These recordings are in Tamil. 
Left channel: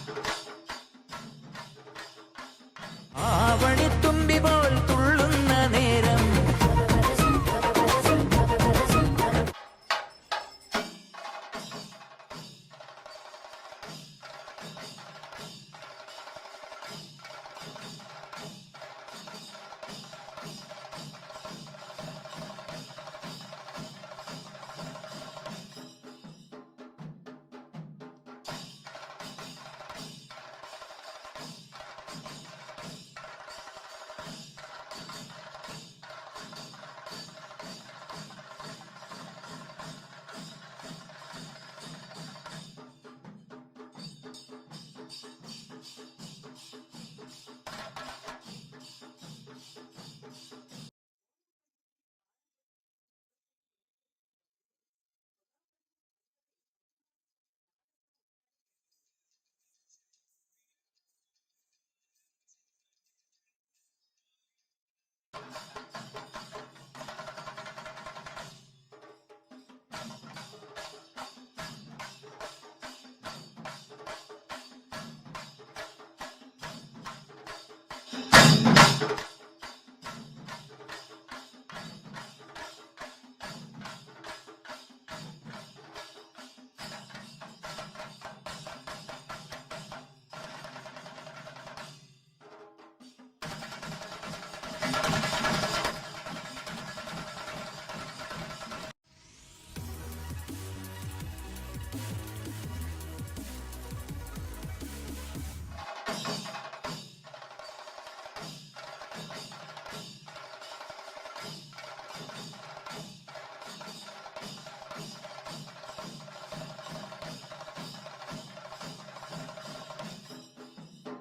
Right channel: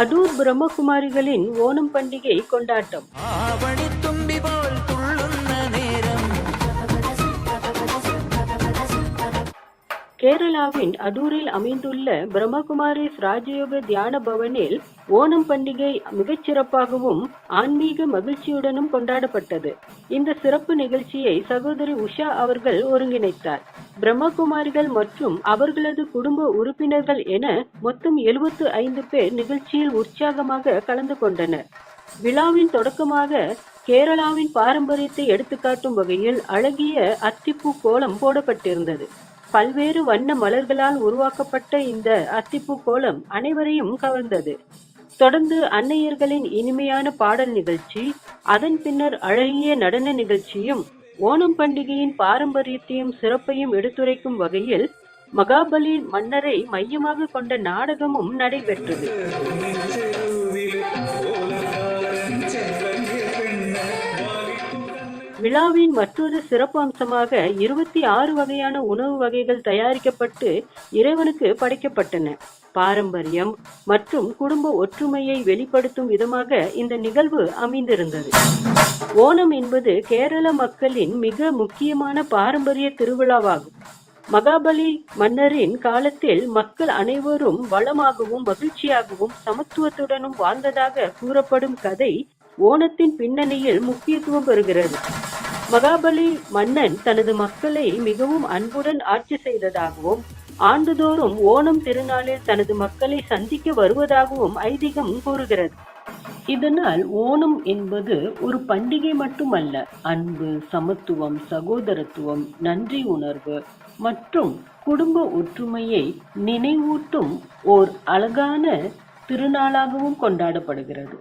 அடூர் பிரம்மகுமாரிகளின் ஓணம் பண்டிகை கொண்டாட்டம். ஆவணி தும்பி போல் துள்ளுന്ന நேரம். கேரளாவின் அதூரில் அமைந்துள்ள பிரம்மகுமாரிஸ் ராஜயோக தியான பவனில் ஓணம் பண்டிகை மிகச்சிறப்பாகவும் ஆன்மீக மகிழ்ச்சியுடனும் கொண்டாடப்பட்டது. இந்த சிறப்பு நிகழ்ச்சியை சகோதரி உஷா அவர்கள் ஒருங்கிணைத்தார். பிரம்மகுமாரிகள் மற்றும் அவர்களது குடும்ப உறுப்பினர்கள் என மொத்தம் 75 பேர் நிகழ்ச்சியில் உற்சாகமாக கலந்து கொண்டனர். விழாவின் தொடக்கமாக கேரளாவின் பாரம்பரியத்தை எடுத்துக்காட்டும் வகையில் அழகிய அத்திப்பூ கோலம் போடப்பட்டிருந்தது. பல்வேறு வண்ண மலர்களால் உருவாக்கப்பட்ட இந்த அத்திப்பூ கோலம் அனைவரையும் கவர்ந்தது. தொடர்ந்து அன்னையர்களின் இனிமையான பாடல் நிகழ்ச்சி, அதன் பின்னர் அழகிய நடன நிகழ்ச்சியும் ஓணம் பண்டிகையின் பாரம்பரியத்தையும் சிறப்பையும் எடுத்துரைக்கும் வகையில் மகாபலி மன்னரை மையமாக கொண்ட நாடகமும் நடைபெற்றது. விழாவின் மற்றொரு சிறப்பு அம்சமாக 26 வகையான உணவு வகைகள் தயாரிக்கப்பட்டு இறைவனுக்கு படைக்கப்பட்டன. பாரம்பரியம் மற்றும் குடும்ப ஒற்றுமையை வெளிப்படுத்தும் விதமாக இந்த நிகழ்வு அமைந்திருந்தது. ஓணம் என்பது கேரள மக்களின் மிக முக்கியமான பாரம்பரிய திருவிழாவாகும். மகாபலி மன்னரின் காலத்தில் மக்கள் அனைவரும் வளமாகவும் மகிழ்ச்சியாகவும் சமத்துவத்துடனும் வாழ்ந்ததாக கூறப்படும் கதை ஓணத்தின் பின்னணியில் முக்கியத்துவம் பெறுகிறது. மகாபலி மன்னன் தனது மக்களை மிகவும் அன்புடன் ஆட்சி செய்ததாகவும் ஆண்டுதோறும் ஓணம் திருநாளில் தனது மக்களை சந்திக்க வருவதாகவும் ஐதீகம் கூறுகிறது. இதனால் ஓணம் என்பது ஒரு பண்டிகை மட்டுமல்ல, அன்பு, சமத்துவம், சகோதரத்துவம், நன்றி உணர்வு மற்றும் குடும்ப ஒற்றுமையை நினைவூட்டும் ஓர் அழகான திருநாளாகவும் கொண்டாடப்படுகிறது.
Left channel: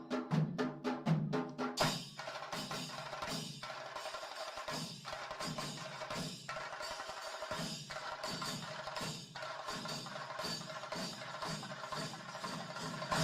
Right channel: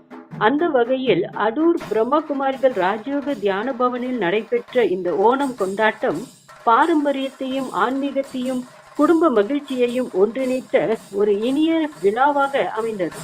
அந்த வகையில் அடூர் பிரம்மகுமாரிகள் ராஜயோக தியான பவனில் நடைபெற்ற இந்த ஓணம் கொண்டாட்டம் பாரம்பரியத்தையும் ஆன்மீகத்தையும் குடும்ப மகிழ்ச்சியையும் ஒன்றிணைத்த ஒரு இனிய விழாவாக அமைந்தது.